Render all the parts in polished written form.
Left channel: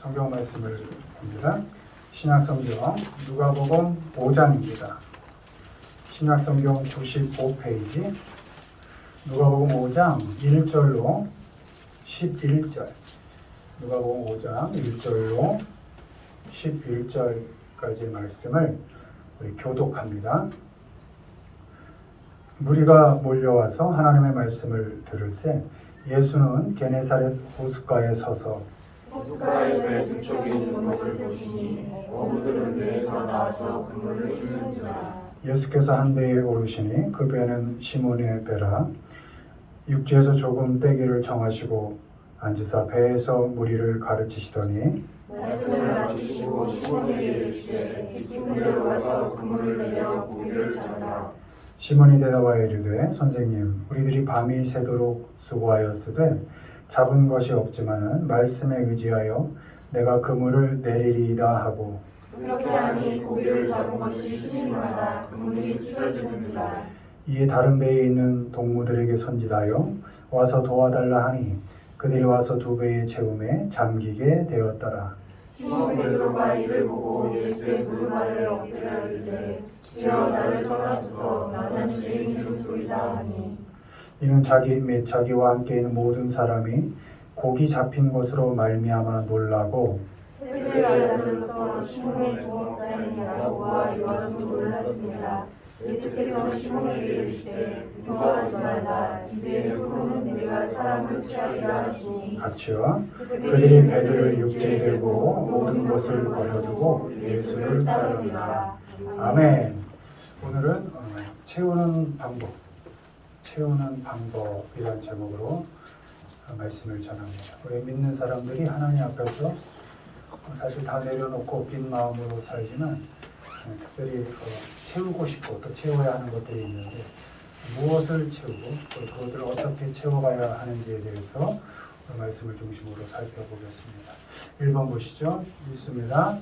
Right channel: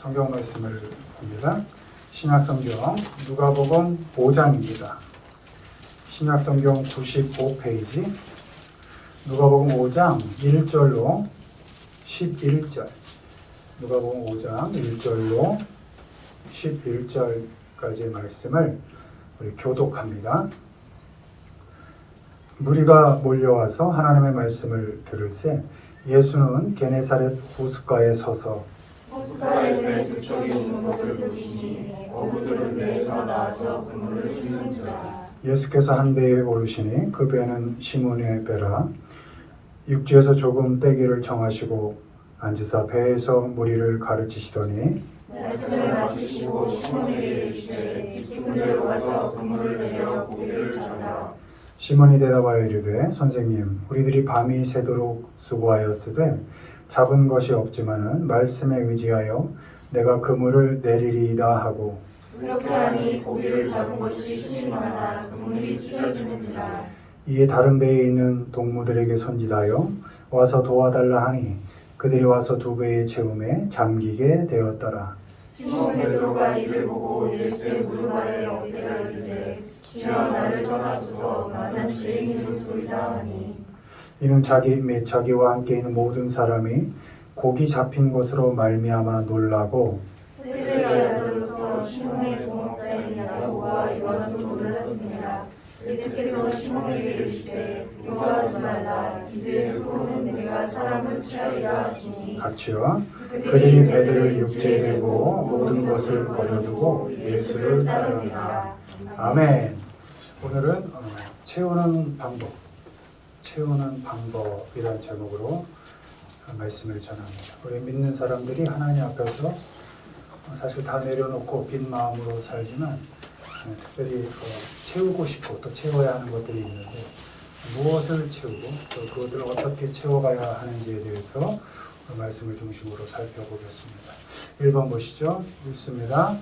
성경 말씀을 봅니다. 신약성경 누가복음 5장입니다. 신약성경 95페이지 누가복음 5장 1절로 11절 누가복음 5장 1절로 11절까지의 말씀을 우리 교독합니다. 무리가 몰려와서 하나님의 말씀을 들을새 예수는 게네사렛 호숫가에 서서 호숫가의 배 두 쪽이 있는 것을 보시니 어부들은 배에서 나와서 그물을 씻는지라. 예수께서 한 배에 오르시니 그 배는 시몬의 배라. 육지에서 조금 떼기를 정하시고 앉으사 배에서 무리를 가르치시더니 말씀을 마치시고 시몬에게 이르시되 깊은 데로 가서 그물을 내려 고기를 잡으라. 시몬이 대답하여 이르되 선생님 우리들이 밤이 새도록 수고하였으되 잡은 것이 없지만은 말씀에 의지하여 내가 그물을 내리리이다 하고 그렇게 하니 고기를 잡은 것이 시민마다 그물이 찢어지는지라. 이에 다른 배에 있는 동무들에게 손짓하여 와서 도와달라 하니 그들이 와서 두 배의 채움에 잠기게 되었더라. 시몬 베드로가 이를 보고 예수의 무릎 아래 엎드려 이르되 주여 나를 떠나소서 나는 죄인이로소이다 하니 이는 자기와 함께 있는 모든 사람이 고기 잡힌 것으로 말미암아 놀라고 새들의 아들로서 시몬의 동역자인 야고보와 요한도 놀랐습니다. 예수께서 시몬에게 이르시되 두려워하지 말라. 이제 후로는 내가 사람을 취하리라 하시니 같이요. 그들이 배들을 육지에 대고 모든 것을 버려두고 예수를 따르니라. 아멘. 오늘은 채우는 방법이란 제목으로 말씀을 전합니다. 우리 믿는 사람들이 하나님 앞에서 사실 다 내려놓고 빈 마음으로 살지만 특별히 채우고 싶고 또 채워야 하는 것들이 있는데 무엇을 채우고 또 그것들을 어떻게 채워가야 하는지에 대해서 말씀을 중심으로 살펴보겠습니다. 1번 보시죠. 읽습니다.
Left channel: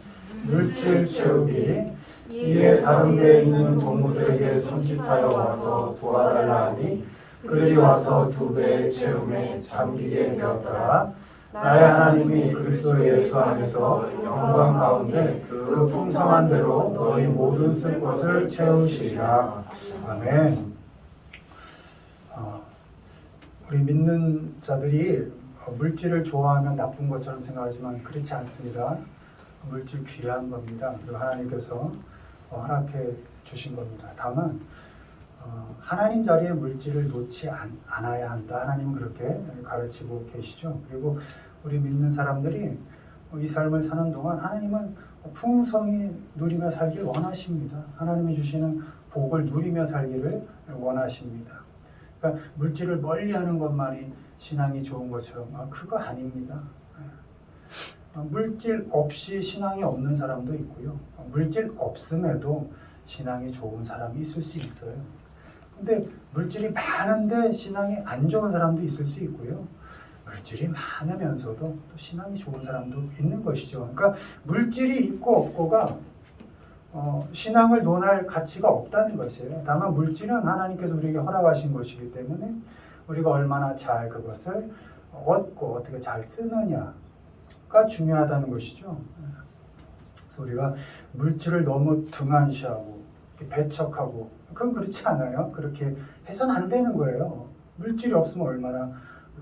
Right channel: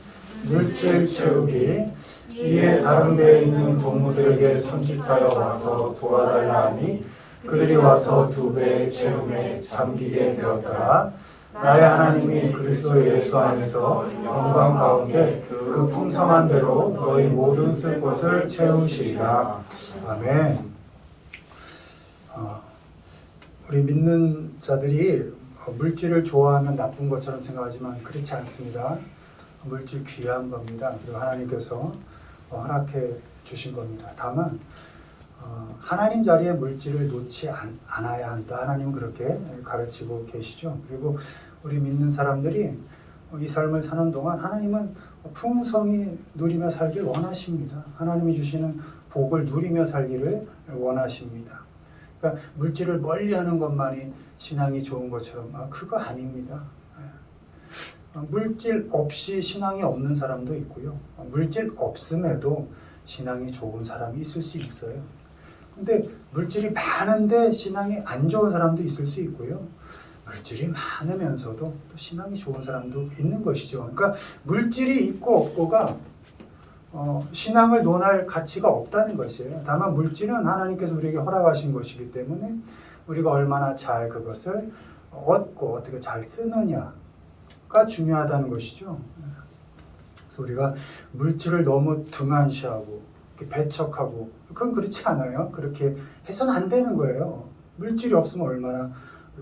물질 채우기. 이에 다른 데에 있는 동무들에게 손짓하여 와서 도와달라 하니 그들이 와서 두 배의 채움에 잠기게 되었더라. 나의 하나님이 그리스도 예수 안에서 영광 가운데 그 풍성한 대로 너희 모든 쓸 것을 채우시리라. 아멘. 우리 믿는 자들이 물질을 좋아하면 나쁜 것처럼 생각하지만 그렇지 않습니다. 물질 귀한 겁니다. 그리고 하나님께서 허락해 주신 겁니다. 다만 하나님 자리에 물질을 놓지 않아야 한다. 하나님은 그렇게 가르치고 계시죠. 그리고 우리 믿는 사람들이 이 삶을 사는 동안 하나님은 풍성히 누리며 살길 원하십니다. 하나님이 주시는 복을 누리며 살기를 원하십니다. 그러니까 물질을 멀리하는 것만이 신앙이 좋은 것처럼 그거 아닙니다. 물질 없이 신앙이 없는 사람도 있고요. 물질 없음에도 신앙이 좋은 사람이 있을 수 있어요. 근데 물질이 많은데 신앙이 안 좋은 사람도 있을 수 있고요. 물질이 많으면서도 또 신앙이 좋은 사람도 있는 것이죠. 그러니까 물질이 있고 없고가 신앙을 논할 가치가 없다는 것이에요. 다만 물질은 하나님께서 우리에게 허락하신 것이기 때문에 우리가 얼마나 잘 그것을 얻고 어떻게 잘 쓰느냐가 중요하다는 것이죠. 그래서 우리가 물질을 너무 등한시하고 배척하고 그건 그렇지 않아요. 그렇게 해서는 안 되는 거예요. 물질이 없으면 얼마나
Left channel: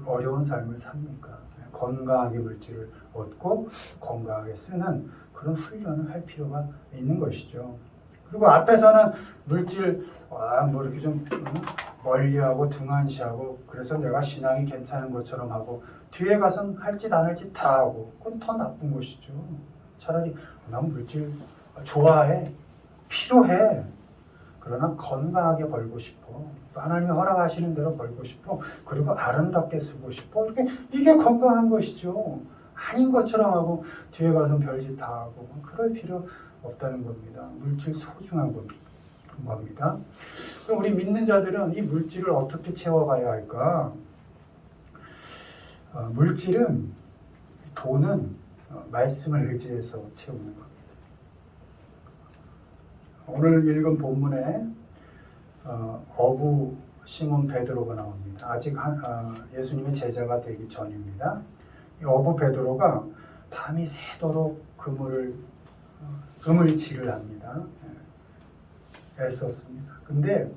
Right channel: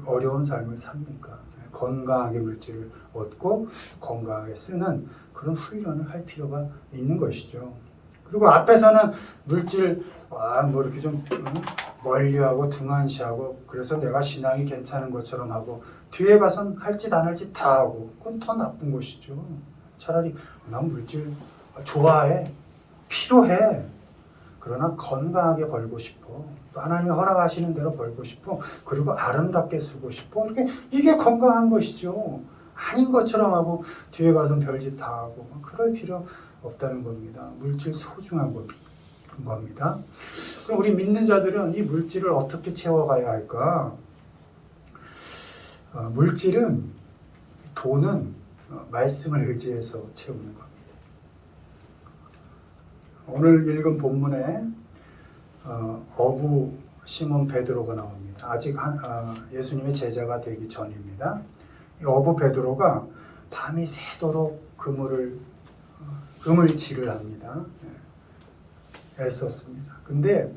어려운 삶을 삽니까? 건강하게 물질을 얻고 건강하게 쓰는 그런 훈련을 할 필요가 있는 것이죠. 그리고 앞에서는 물질 뭐 이렇게 좀 멀리하고 등한시하고 그래서 내가 신앙이 괜찮은 것처럼 하고 뒤에 가선 할 짓 안 할 짓 다 하고 그건 더 나쁜 것이죠. 차라리 난 물질 좋아해, 필요해. 그러나 건강하게 벌고 싶어. 하나님이 허락하시는 대로 벌고 싶어. 그리고 아름답게 쓰고 싶어. 이게 건강한 것이죠. 아닌 것처럼 하고 뒤에 가서 별짓 다 하고 그럴 필요 없다는 겁니다. 물질 소중한 겁니다. 그럼 우리 믿는 자들은 이 물질을 어떻게 채워가야 할까? 돈은 말씀을 의지해서 채우는 겁니다. 오늘 읽은 본문에 어부 시몬 베드로가 나옵니다. 아직 예수님의 제자가 되기 전입니다. 이 어부 베드로가 밤이 새도록 그물질을 합니다. 애썼습니다. 근데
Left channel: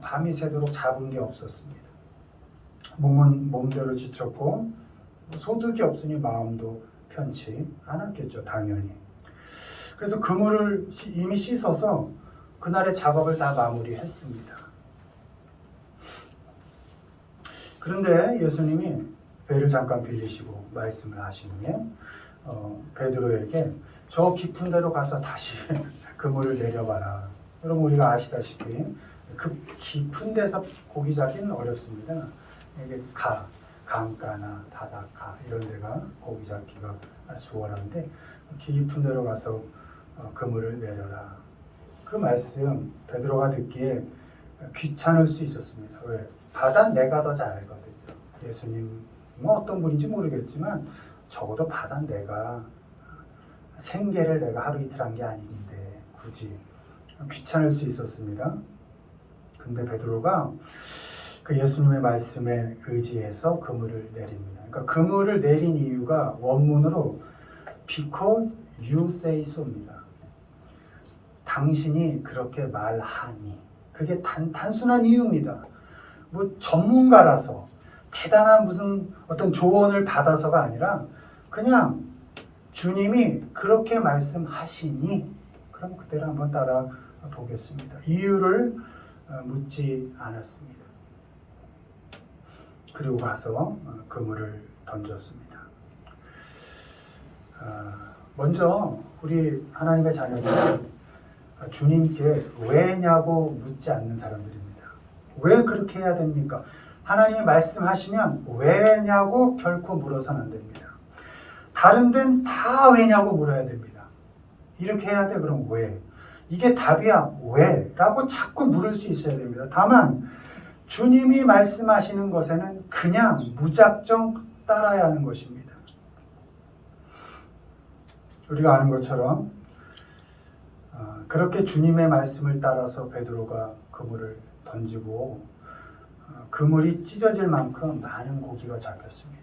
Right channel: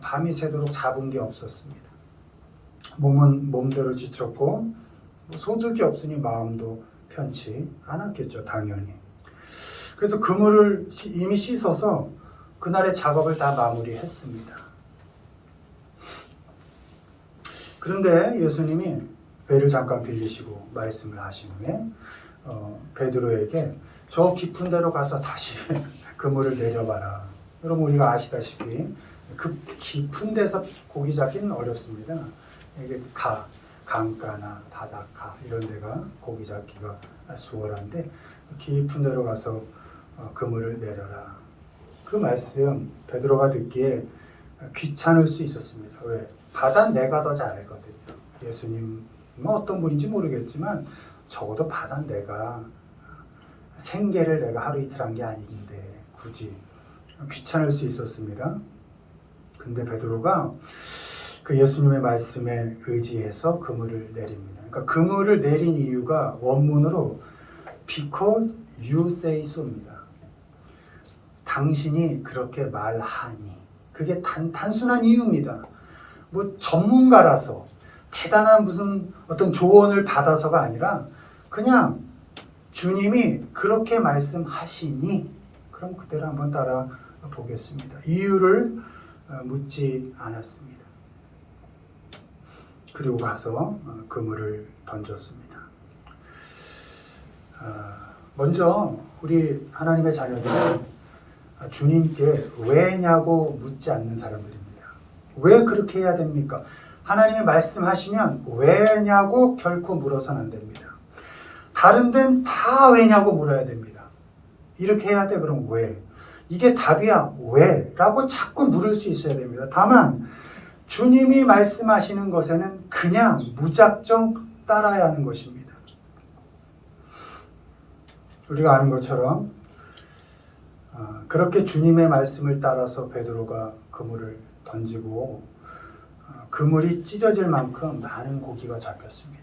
밤이 새도록 잡은 게 없었습니다. 몸은 몸대로 지쳤고 소득이 없으니 마음도 편치 않았겠죠, 당연히. 그래서 그물을 이미 씻어서 그날의 작업을 다 마무리했습니다. 그런데 예수님이 배를 잠깐 빌리시고 말씀을 하시는 베드로에게 저 깊은 데로 가서 다시 그물을 내려봐라. 여러분 우리가 아시다시피 그 깊은 데서 고기 잡기는 어렵습니다. 이게 강가나 바닷가 이런 데가 고기 잡기가 수월한데 깊은 데로 가서 그물을 내려라. 그 말씀 베드로가 듣기에 귀찮을 수 있었습니다. 왜? 바다는 내가 더 잘 알거든요. 예수님은 어떤 분인지 모르겠지만 적어도 바다는 내가 생계를 내가 하루 이틀 한 게 아닌데 굳이 귀찮을 수 있었습니다. 근데 베드로가 그 예수님의 말씀에 의지해서 그물을 내립니다. 그러니까 그물을 내린 이유가 원문으로 because you say so입니다. 당신이 그렇게 말하니. 그게 단순한 이유입니다. 뭐 전문가라서 대단한 무슨 어떤 조언을 받아서가 아니라 그냥 주님이 그렇게 말씀하시니 그럼 그대로 한번 따라 보겠습니다. 이유를 묻지 않았습니다. 그리고 가서 그물을 던졌습니다. 먼저 우리 하나님의 자녀들은 주님께 왜냐고 묻지 않는 사람들입니다. 왜 그렇게 해야 됩니까? 하나님이 말씀하시면 왜냐고 결코 물어서는 안 됩니다. 다른 데는 다 왜냐고 물어야 됩니다. 이렇게 해야 돼 그럼 왜? 이게 답이야 왜? 라고 자꾸 물을 수 있어야 됩니다. 다만 주님이 말씀하시는 것에는 그냥 무작정 따라야 하는 것입니다. 우리가 아는 것처럼 그렇게 주님의 말씀을 따라서 베드로가 그물을 던지고 그물이 찢어질 만큼 많은 고기가 잡혔습니다.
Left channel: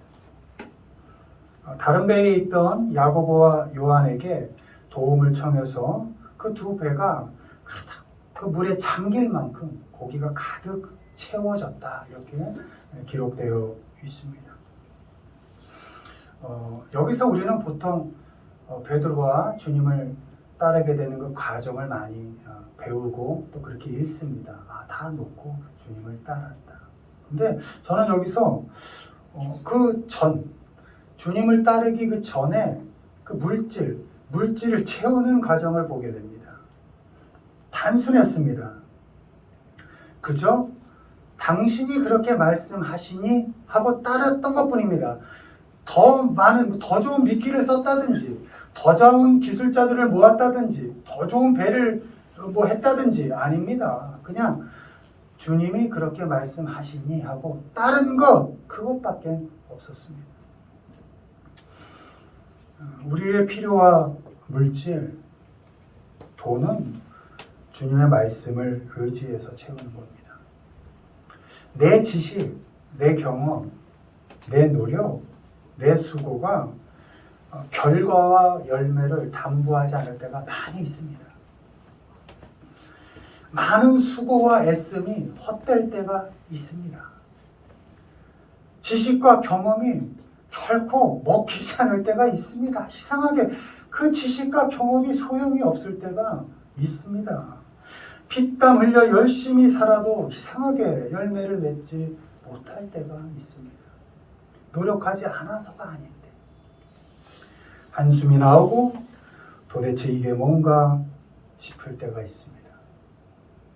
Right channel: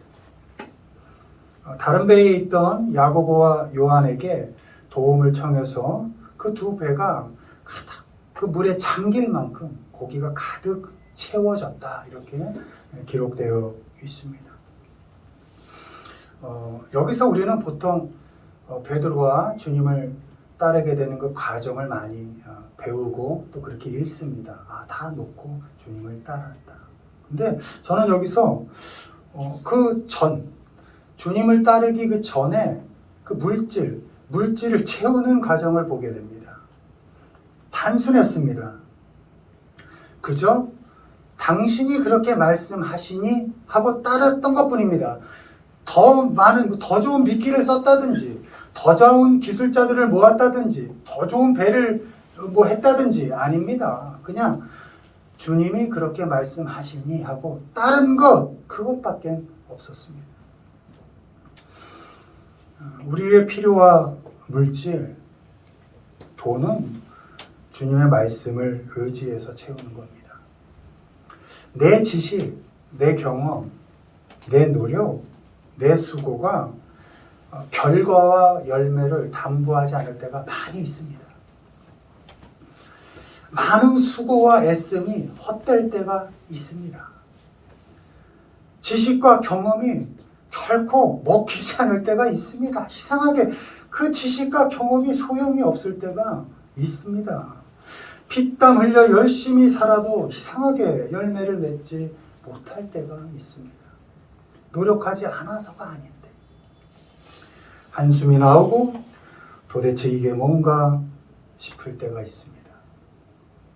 다른 배에 있던 야고보와 요한에게 도움을 청해서 그 두 배가 가득 그 물에 잠길 만큼 고기가 가득 채워졌다 이렇게 기록되어 있습니다. 여기서 우리는 보통 베드로가 주님을 따르게 되는 그 과정을 많이 배우고 또 그렇게 읽습니다. 다 놓고 주님을 따랐다. 근데 저는 여기서 주님을 따르기 그 전에 그 물질을 채우는 과정을 보게 됩니다. 단순했습니다. 그저 당신이 그렇게 말씀하시니 하고 따랐던 것뿐입니다. 더 좋은 미끼를 썼다든지 더 좋은 기술자들을 모았다든지 더 좋은 배를 했다든지 아닙니다. 그냥 주님이 그렇게 말씀하시니 하고 따른 그것밖에 없었습니다. 우리의 필요와 물질, 돈은 주님의 말씀을 의지해서 채우는 겁니다. 내 지식, 내 경험, 내 노력, 내 수고가 결과와 열매를 담보하지 않을 때가 많이 있습니다. 많은 수고와 애씀이 헛될 때가 있습니다. 지식과 경험이 결코 먹히지 않을 때가 있습니다. 이상하게 그 지식과 경험이 소용이 없을 때가 있습니다. 피땀 흘려 열심히 살아도 이상하게 열매를 맺지 못할 때가 있습니다. 노력하지 않아서가 아닌데 한숨이 나오고 도대체 이게 뭔가 싶을 때가 있습니다.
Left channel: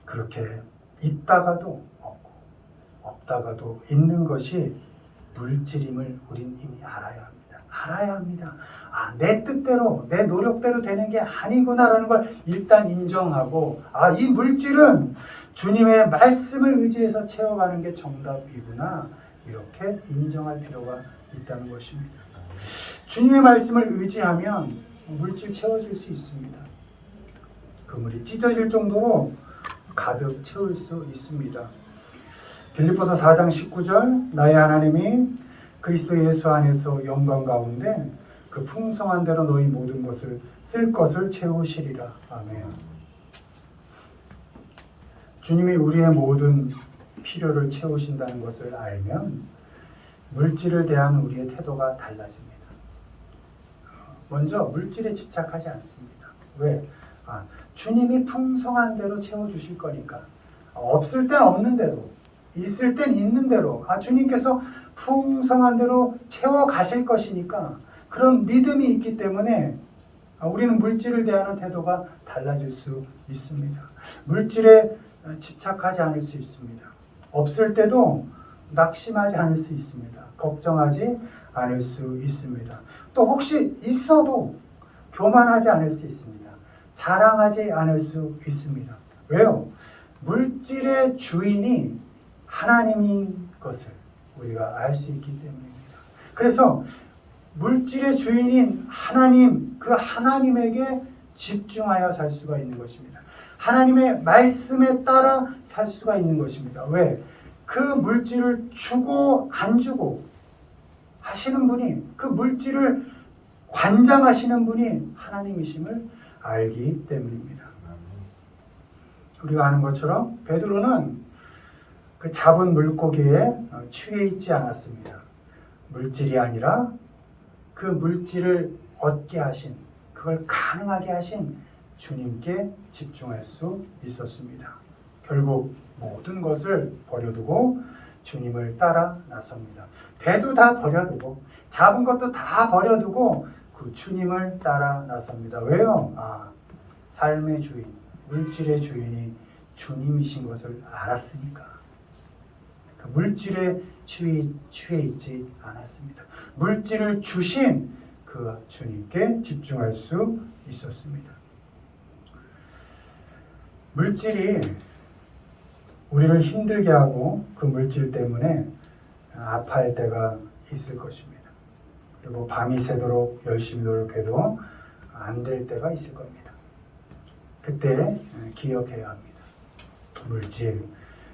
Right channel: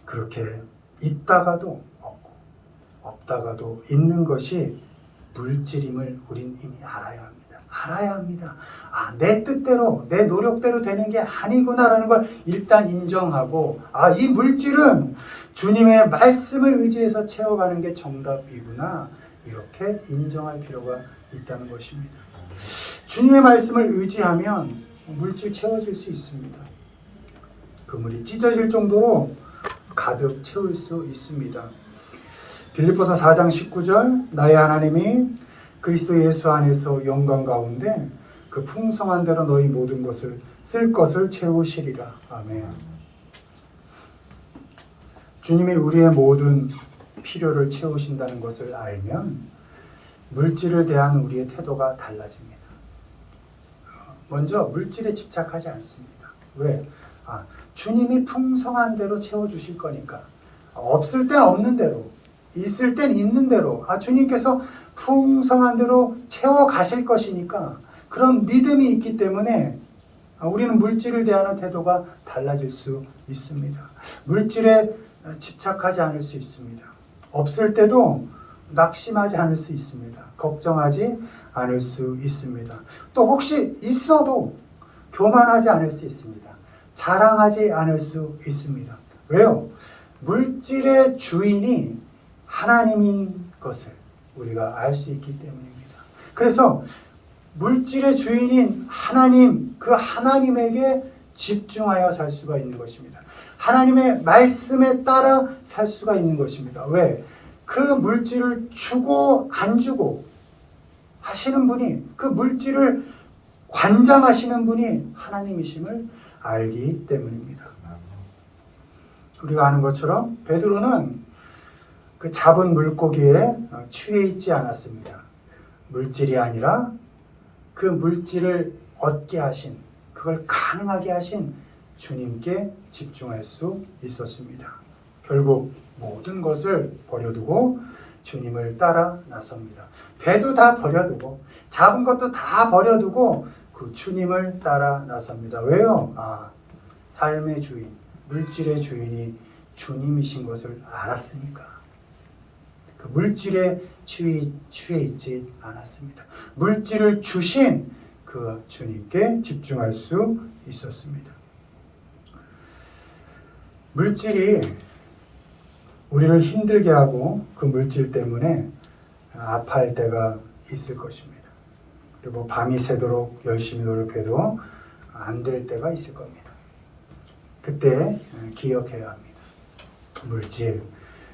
그렇게 있다가도 없고 없다가도 있는 것이 물질임을 우린 이미 알아야 합니다. 알아야 합니다. 내 뜻대로 내 노력대로 되는 게 아니구나라는 걸 일단 인정하고 이 물질은 주님의 말씀을 의지해서 채워가는 게 정답이구나 이렇게 인정할 필요가 있다는 것입니다. 주님의 말씀을 의지하면 물질 채워질 수 있습니다. 그물이 찢어질 정도로 가득 채울 수 있습니다. 빌립보서 4장 19절 나의 하나님이 그리스도 예수 안에서 영광 가운데 그 풍성한 대로 너희 모든 것을 쓸 것을 채우시리라. 아멘. 주님이 우리의 모든 필요를 채우신다는 것을 알면 물질을 대한 우리의 태도가 달라집니다. 먼저 물질에 집착하지 않습니다. 왜? 주님이 풍성한 대로 채워주실 거니까. 없을 땐 없는 대로, 있을 땐 있는 대로, 주님께서 풍성한 대로 채워 가실 것이니까 그런 믿음이 있기 때문에 우리는 물질을 대하는 태도가 달라질 수 있습니다. 물질에 집착하지 않을 수 있습니다. 없을 때도 낙심하지 않을 수 있습니다. 걱정하지 않을 수 있습니다. 또 혹시 있어도 교만하지 않을 수 있습니다. 자랑하지 않을 수 있습니다. 왜요? 물질의 주인이 하나님인 것을 우리가 알 수 있기 때문입니다. 그래서 물질의 주인인 하나님, 그 하나님에게 집중하여 살 수가 있는 것입니다. 하나님의 말씀에 따라 살 수가 있는 것입니다. 왜? 그 물질을 주고 안 주고 하시는 분이, 그 물질을 관장하시는 분이 하나님이심을 알기 때문입니다. 우리가 아는 것처럼 베드로는 그 잡은 물고기에 취해 있지 않았습니다. 물질이 아니라 그 물질을 얻게 하신, 그걸 가능하게 하신 주님께 집중할 수 있었습니다. 결국 모든 것을 버려두고 주님을 따라 나섭니다. 배도 다 버려두고 잡은 것도 다 버려두고 그 주님을 따라 나섭니다. 왜요? 삶의 주인, 물질의 주인이 주님이신 것을 알았으니까. 그 물질에 취해 있지 않았습니다. 물질을 주신 그 주님께 집중할 수 있었습니다. 물질이 우리를 힘들게 하고 그 물질 때문에 아파할 때가 있을 것입니다. 그리고 밤이 새도록 열심히 노력해도 안 될 때가 있을 겁니다. 그때 기억해야 합니다. 물질,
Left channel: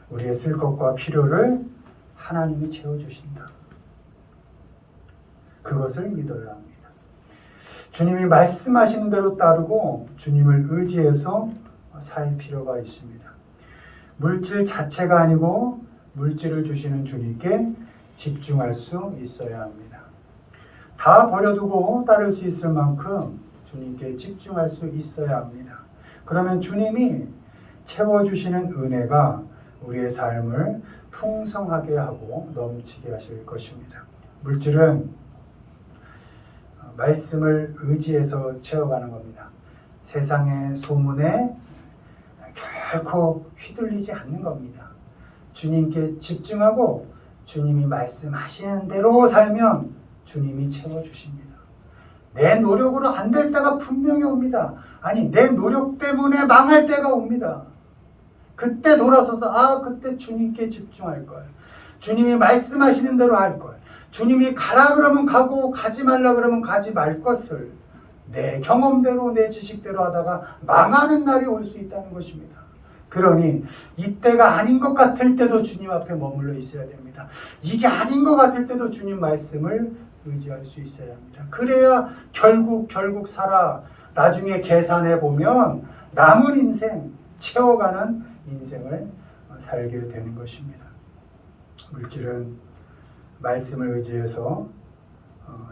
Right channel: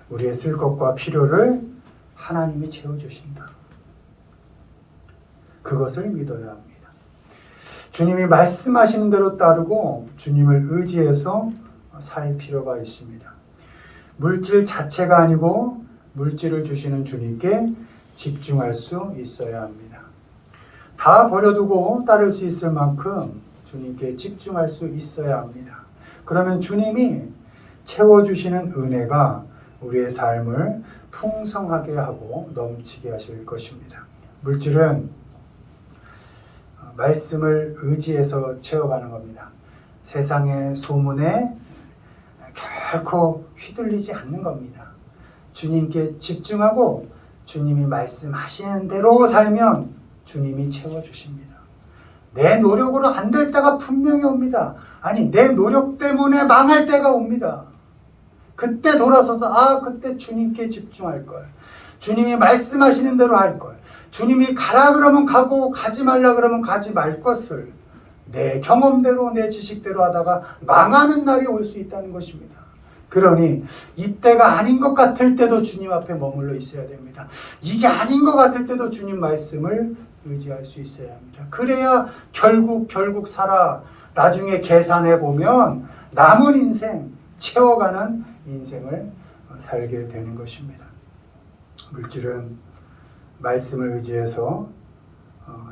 우리의 쓸 것과 필요를 하나님이 채워주신다. 그것을 믿어야 합니다. 주님이 말씀하시는 대로 따르고 주님을 의지해서 살 필요가 있습니다. 물질 자체가 아니고 물질을 주시는 주님께 집중할 수 있어야 합니다. 다 버려두고 따를 수 있을 만큼 주님께 집중할 수 있어야 합니다. 그러면 주님이 채워주시는 은혜가 우리의 삶을 풍성하게 하고 넘치게 하실 것입니다. 물질은 말씀을 의지해서 채워가는 겁니다. 세상의 소문에 결코 휘둘리지 않는 겁니다. 주님께 집중하고 주님이 말씀하시는 대로 살면 주님이 채워주십니다. 내 노력으로 안 될 때가 분명히 옵니다. 내 노력 때문에 망할 때가 옵니다. 그때 돌아서서 그때 주님께 집중할 걸. 주님이 말씀하시는 대로 할 걸. 주님이 가라 그러면 가고 가지 말라 그러면 가지 말 것을 내 경험대로 내 지식대로 하다가 망하는 날이 올 수 있다는 것입니다. 그러니 이때가 아닌 것 같을 때도 주님 앞에 머물러 있어야 됩니다. 이게 아닌 것 같을 때도 주님 말씀을 의지할 수 있어야 합니다. 그래야 결국 살아 나중에 계산해 보면 남은 인생, 채워가는 인생을 살게 되는 것입니다. 물질은 말씀을 의지해서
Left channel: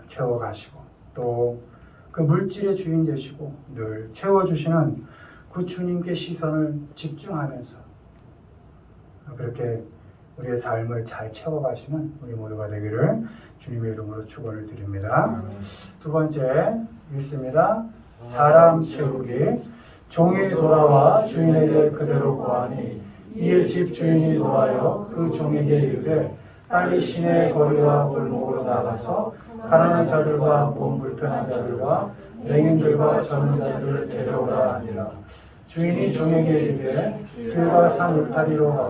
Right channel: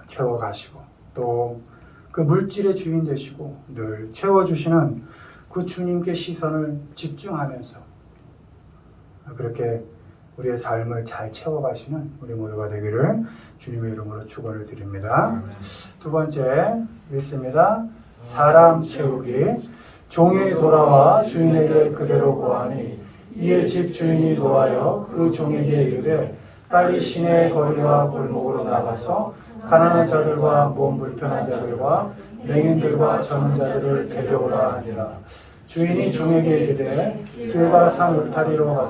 채워가시고 또 그 물질의 주인 되시고 늘 채워주시는 그 주님께 시선을 집중하면서 그렇게 우리의 삶을 잘 채워가시는 우리 모두가 되기를 주님의 이름으로 축원을 드립니다. 두 번째 읽습니다. 사람 채우기. 종이 돌아와 주인에게 그대로 고하니 이에 집 주인이 노하여 그 종에게 이르되 빨리 시내 거리와 골목으로 나가서 가난한 자들과 몸 불편한 자들과 맹인들과 저는 자들을 데려오라 하니라. 주인이 종에게 이르되 길과 산 울타리로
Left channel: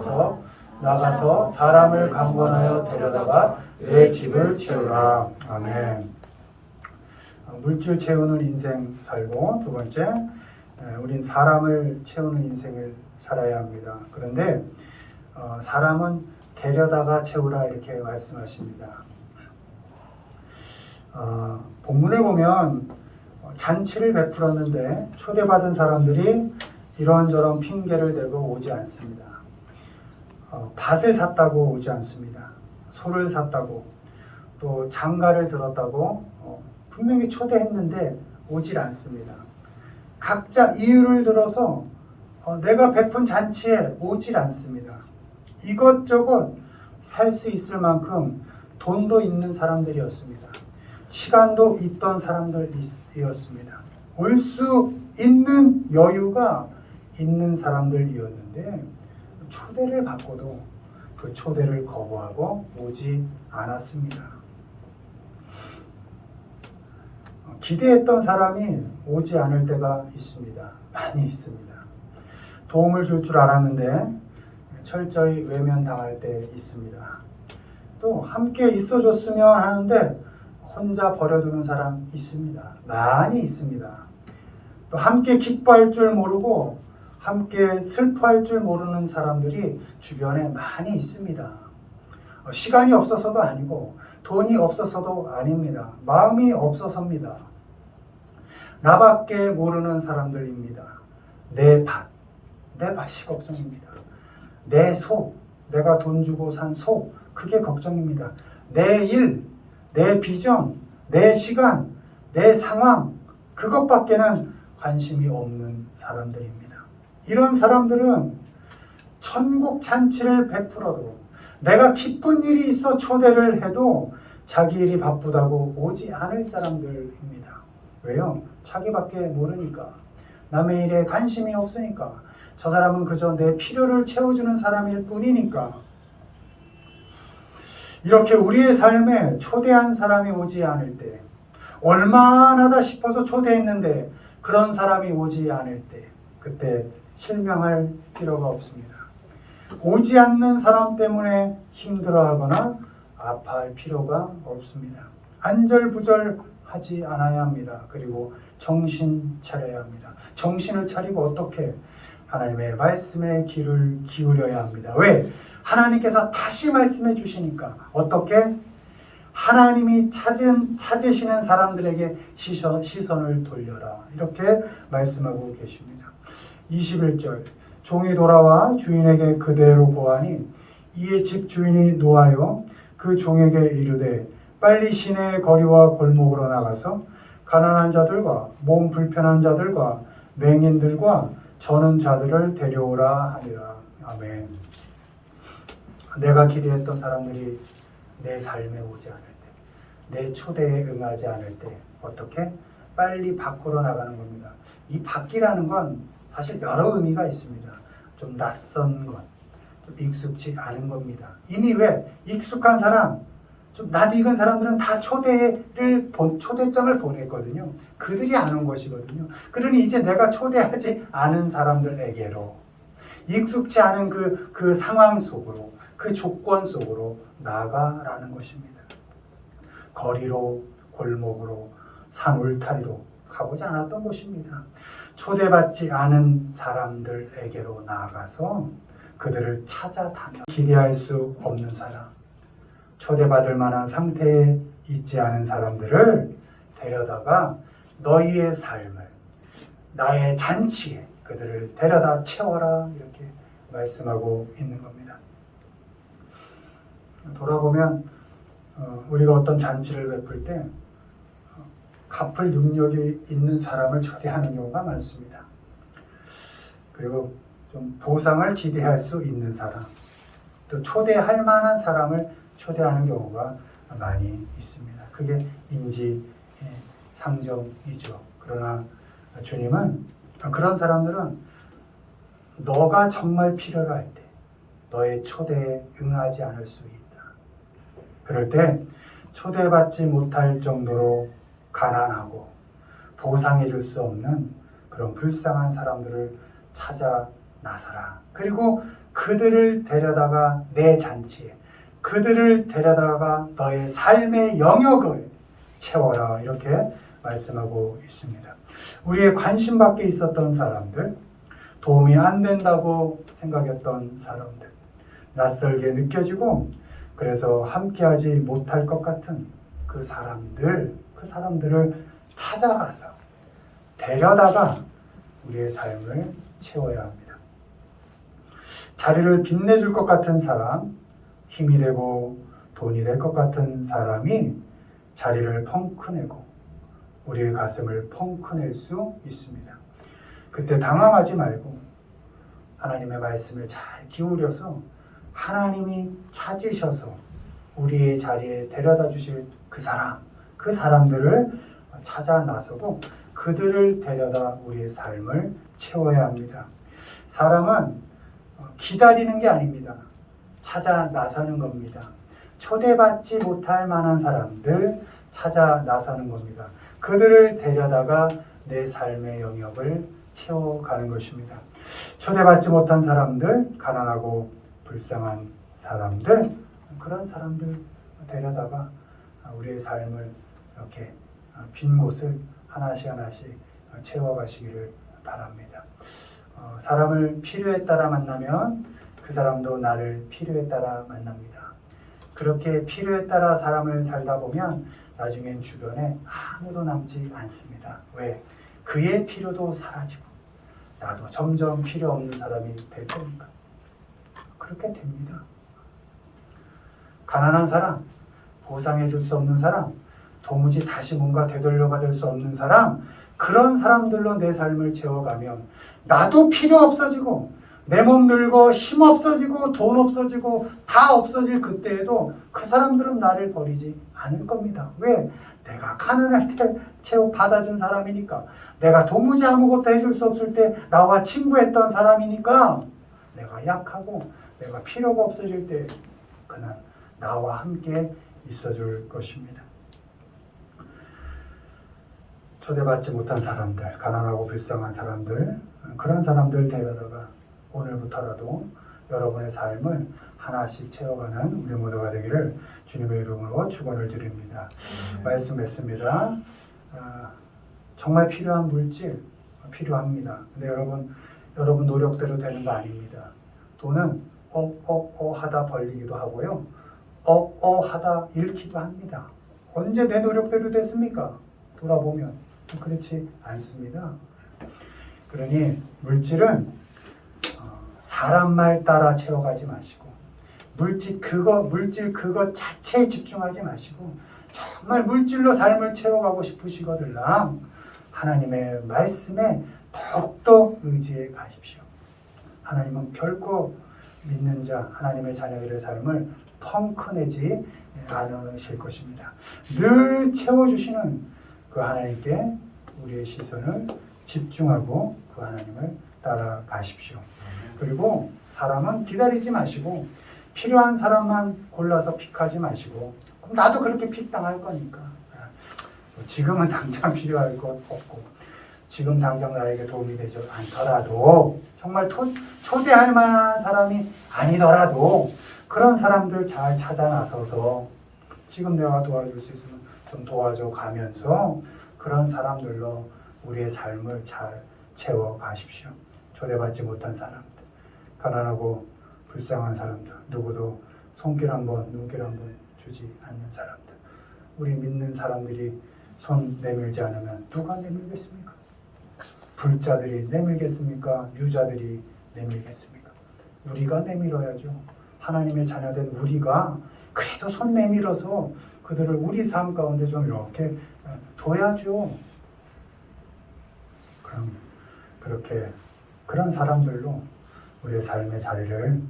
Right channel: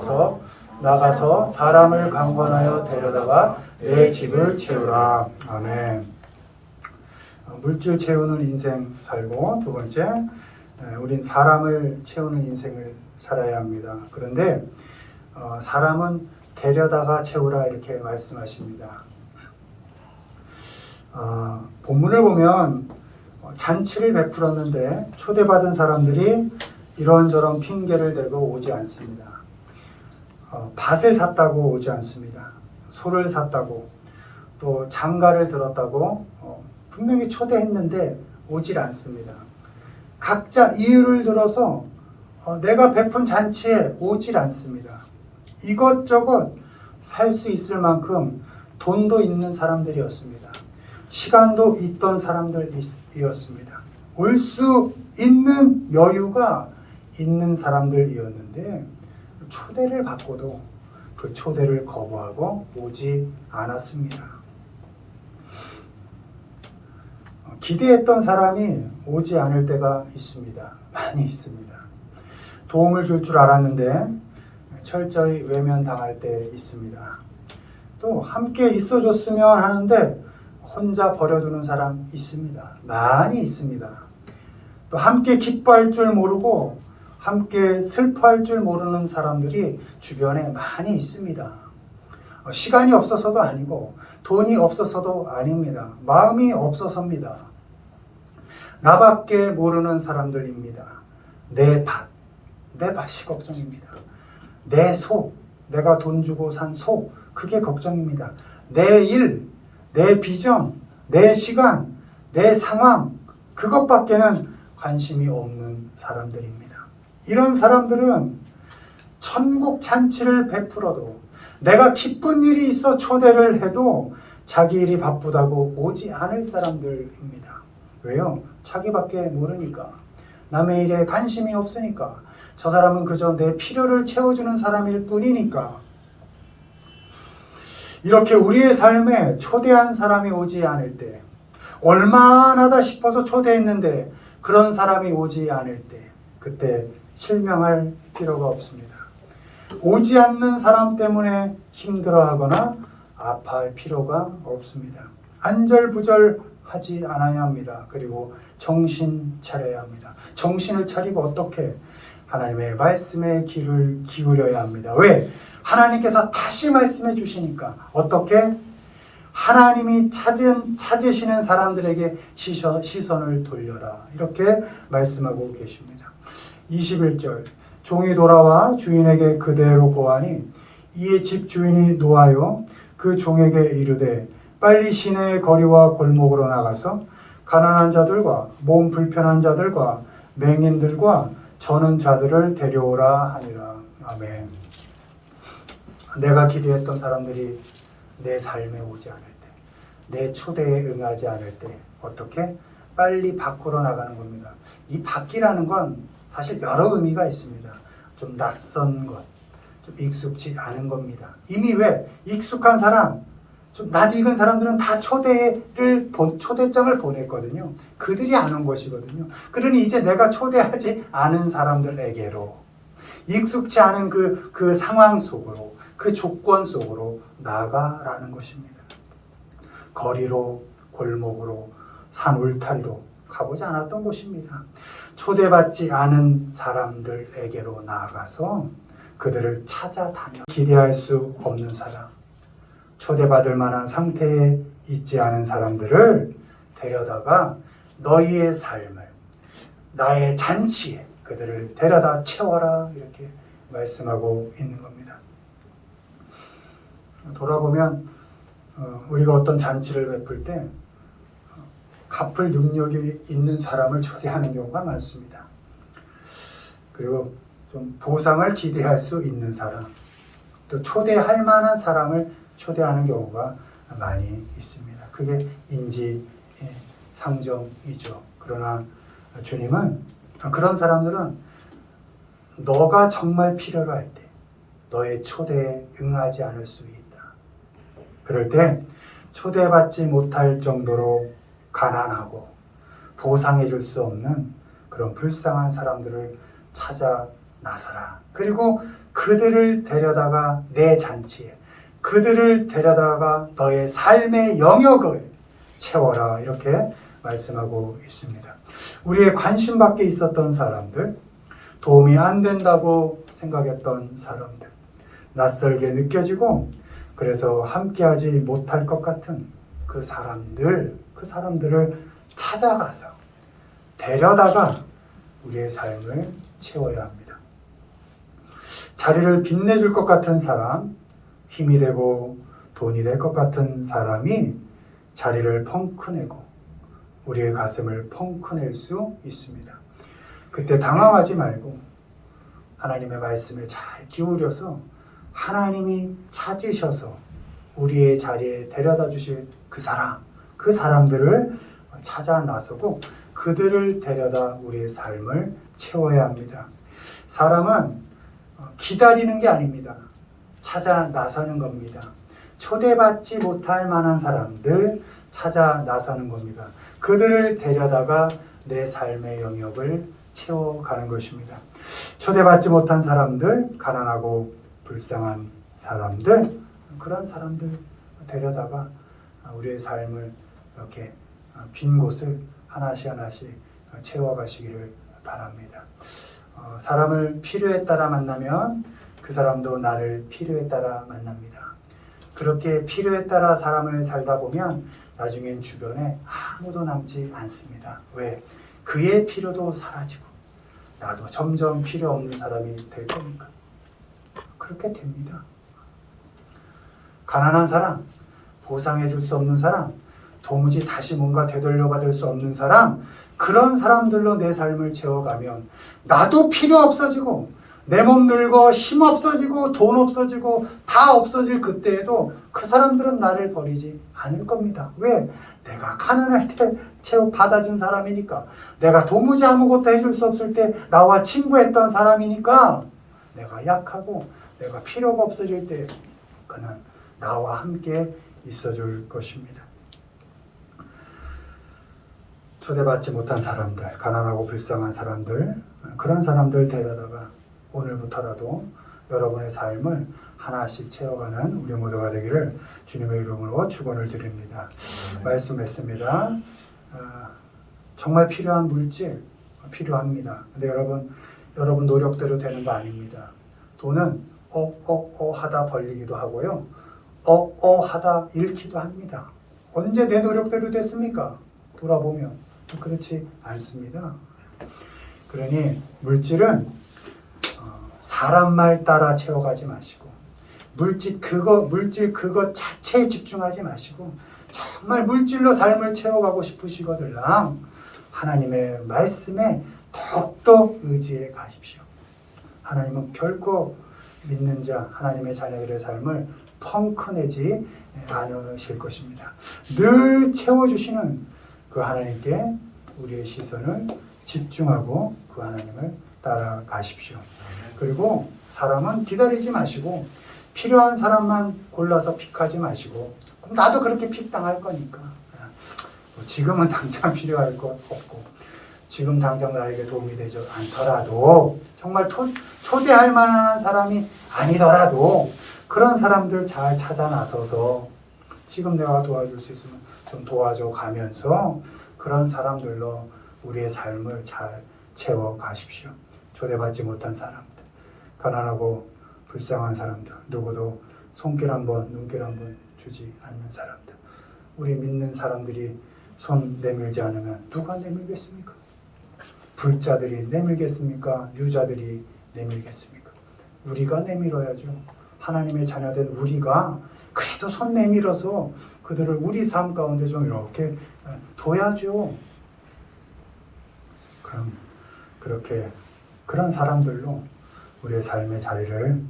나가서 사람을 강권하여 데려다가 내 집을 채우라. 아멘. 물질 채우는 인생 살고 두 번째 우린 사람을 채우는 인생을 살아야 합니다. 그런데 사람은 데려다가 채우라 이렇게 말씀하십니다. 본문을 보면 잔치를 베풀었는데 초대받은 사람들이 이런저런 핑계를 대고 오지 않습니다. 밭을 샀다고 오지 않습니다. 소를 샀다고, 또 장가를 들었다고 분명히 초대했는데 오질 않습니다. 각자 이유를 들어서 내가 베푼 잔치에 오질 않습니다. 이것저것 살 수 있을 만큼 돈도 있는 사람들이었습니다. 시간도 있던 사람들이었습니다. 올 수 있는 여유가 있는 사람들이었는데 초대를 받고도 그 초대를 거부하고 오지 않았습니다. 기대했던 사람이 오지 않을 때가 있습니다. 많이 있습니다. 도움을 줄 줄 알았는데 철저히 외면당할 때 있습니다. 또 함께 있어줬으면 하는데 혼자 버려두는 사람 있습니다. 많이 있습니다. 또 함께 기뻐할 줄 모르고 함께 슬퍼할 줄 모르는 사람들이 주변에 많이 있습니다. 시간이 없어서도 아니고 돈이 없어서도 아닙니다. 마음이 없어서입니다. 나밖에 모르는 사람들입니다. 내 밭이 걱정입니다. 내 소, 내가 돈 주고 산 소, 그게 걱정입니다. 내 일, 내 비전, 내 시간, 내 상황, 그것밖에는 관심이 없는 사람들입니다. 이런 사람들은 천국 잔치를 베풀어도, 내가 기쁜 일이 있어 초대를 해도 자기 일이 바쁘다고 오지 않을 사람들입니다. 왜요? 자기밖에 모르니까. 남의 일에 관심이 없으니까. 저 사람은 그저 내 필요를 채워주는 사람일 뿐이니까. 이렇게 우리의 삶에 초대한 사람이 오지 않을 때, 얼마나다 싶어서 초대했는데 그런 사람이 오지 않을 때, 그때 실명할 필요가 없습니다. 오지 않는 사람 때문에 힘들어하거나 아파할 필요가 없습니다. 안절부절하지 않아야 합니다. 그리고 정신 차려야 합니다. 정신을 차리고 어떻게? 하나님의 말씀에 귀를 기울여야 합니다. 왜? 하나님께서 다시 말씀해 주시니까. 어떻게? 하나님이 찾으시는 사람들에게 시선을 돌려라. 이렇게 말씀하고 계십니다. 21절, 종이 돌아와 주인에게 그대로 보아니 이에 집 주인이 노하여 그 종에게 이르되 빨리 시내의 거리와 골목으로 나가서 가난한 자들과 몸 불편한 자들과 맹인들과 저는 자들을 데려오라 하니라. 아멘. 내가 기대했던 사람들이 내 삶에 오지 않을 때, 내 초대에 응하지 않을 때 어떻게? 빨리 밖으로 나가는 겁니다. 이 밖이라는 건 사실 여러 의미가 있습니다. 좀 낯선 것, 좀 익숙지 않은 겁니다. 이미 왜? 익숙한 사람, 좀 낯익은 사람들은 다 초대장을 보냈거든요. 그들이 아는 것이거든요. 그러니 이제 내가 초대하지 않은 사람들에게로, 익숙지 않은 그 상황 속으로, 그 조건 속으로 나가라는 것입니다. 거리로, 골목으로, 산 울타리로 가보지 않았던 곳입니다. 초대받지 않은 사람들에게로 나아가서 그들을 찾아다녀. 기대할 수 없는 사람, 초대받을 만한 상태에 있지 않은 사람들을 데려다가 너희의 삶을, 나의 잔치에 그들을 데려다 채워라. 이렇게 말씀하고 있는 겁니다. 돌아보면 우리가 어떤 잔치를 베풀 때 갚을 능력이 있는 사람을 초대하는 경우가 많습니다. 그리고 좀 보상을 기대할 수 있는 사람, 또 초대할 만한 사람을 초대하는 경우가 많이 있습니다. 그게 인지상정이죠. 그러나 주님은 그런 사람들은 너가 정말 필요로 할 때 너의 초대에 응하지 않을 수 있다. 그럴 때 초대받지 못할 정도로 가난하고 보상해 줄 수 없는 그런 불쌍한 사람들을 찾아 나서라. 그리고 그들을 데려다가 내 잔치에, 그들을 데려다가 너의 삶의 영역을 채워라. 이렇게 말씀하고 있습니다. 우리의 관심 밖에 있었던 사람들, 도움이 안 된다고 생각했던 사람들, 낯설게 느껴지고 그래서 함께하지 못할 것 같은 그 사람들, 그 사람들을 찾아가서 데려다가 우리의 삶을 채워야 합니다. 자리를 빛내줄 것 같은 사람, 힘이 되고 돈이 될 것 같은 사람이 자리를 펑크내고 우리의 가슴을 펑크낼 수 있습니다. 그때 당황하지 말고 하나님의 말씀에 잘 기울여서 하나님이 찾으셔서 우리의 자리에 데려다 주실 그 사람들을 찾아 나서고 그들을 데려다 우리의 삶을 채워야 합니다. 사람은 기다리는 게 아닙니다. 찾아 나서는 겁니다. 초대받지 못할 만한 사람들 찾아 나서는 겁니다. 그들을 데려다가 내 삶의 영역을 채워가는 것입니다. 초대받지 못한 사람들, 가난하고 불쌍한 사람들, 그런 사람들 데려다가 우리의 삶을 이렇게 빈 곳을 하나씩 채워가시기를 바랍니다. 사람을 필요에 따라 만나면 그 사람도 나를 필요에 따라 만납니다. 그렇게 필요에 따라 사람을 살다 보면 나중엔 주변에 아무도 남지 않습니다. 왜? 그의 필요도 사라지고 나도 점점 필요 없는 사람이 될 거니까. 그렇게 됩니다. 가난한 사람, 보상해 줄 수 없는 사람, 도무지 다시 뭔가 되돌려 받을 수 없는 사람, 그런 사람들로 내 삶을 채워가면 나도 필요 없어지고 내 몸 늙어 힘 없어지고 돈 없어지고 다 없어질 그때에도 그 사람들은 나를 버리지 않을 겁니다. 왜? 내가 가난할 때 받아준 사람이니까. 내가 도무지 아무것도 해줄 수 없을 때 나와 친구했던 사람이니까. 내가 약하고 내가 필요가 없어질 때 그는 나와 함께 있어줄 것입니다. 초대받지 못한 사람들, 가난하고 불쌍한 사람들, 그런 사람들 데려다가 오늘부터라도 여러분의 삶을 하나씩 채워가는 우리 모두가 되기를 주님의 이름으로 축원을 드립니다. 말씀했습니다. 정말 필요한 물질 필요합니다. 근데 여러분 노력대로 되는 거 아닙니다. 돈은 하다 벌리기도 하고요. 하다 잃기도 합니다. 언제 내 노력대로 됐습니까? 돌아보면 그렇지 않습니다. 그러니 물질은 사람 말 따라 채워가지 마시고 물질 그거 자체에 집중하지 마시고 정말 물질로 삶을 채워가고 싶으시거들랑 하나님의 말씀에 더욱더 의지해 가십시오. 하나님은 결코 믿는 자, 하나님의 자녀들의 삶을 펑크내지 않으실 것입니다. 늘 채워주시는 그 하나님께 우리의 시선을 집중하고 그 하나님을 따라가십시오. 그리고 사람은 기다리지 마시고 필요한 사람만 골라서 픽하지 마시고 그럼 나도 그렇게 픽 당할 거니까 지금은 당장 필요할 것 없고 지금 당장 나에게 도움이 되지 않더라도 정말 초대할 만한 사람이 아니더라도 그런 사람들 잘 찾아 나서서 지금 내가 도와줄 수 있으면 좀 도와줘 가면서 그런 사람들로 우리의 삶을 잘 채워 가십시오. 초대받지 못한 사람들, 가난하고 불쌍한 사람들, 누구도 손길 한번 눈길 한번 주지 않는 사람들, 우리 믿는 사람들이 손 내밀지 않으면 누가 내밀겠습니까? 불자들이 내밀겠습니까? 유자들이 내밀겠습니까? 우리가 내밀어야죠. 하나님의 자녀된 우리가 그래도 손 내밀어서 그들을 우리 삶 가운데 좀 이렇게 둬야죠. 그럼 그렇게 그런 사람들로 우리의 삶의 자리를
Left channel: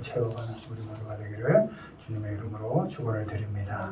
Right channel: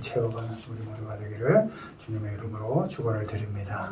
채워가는 우리 모두가 되기를 주님의 이름으로 축원을 드립니다.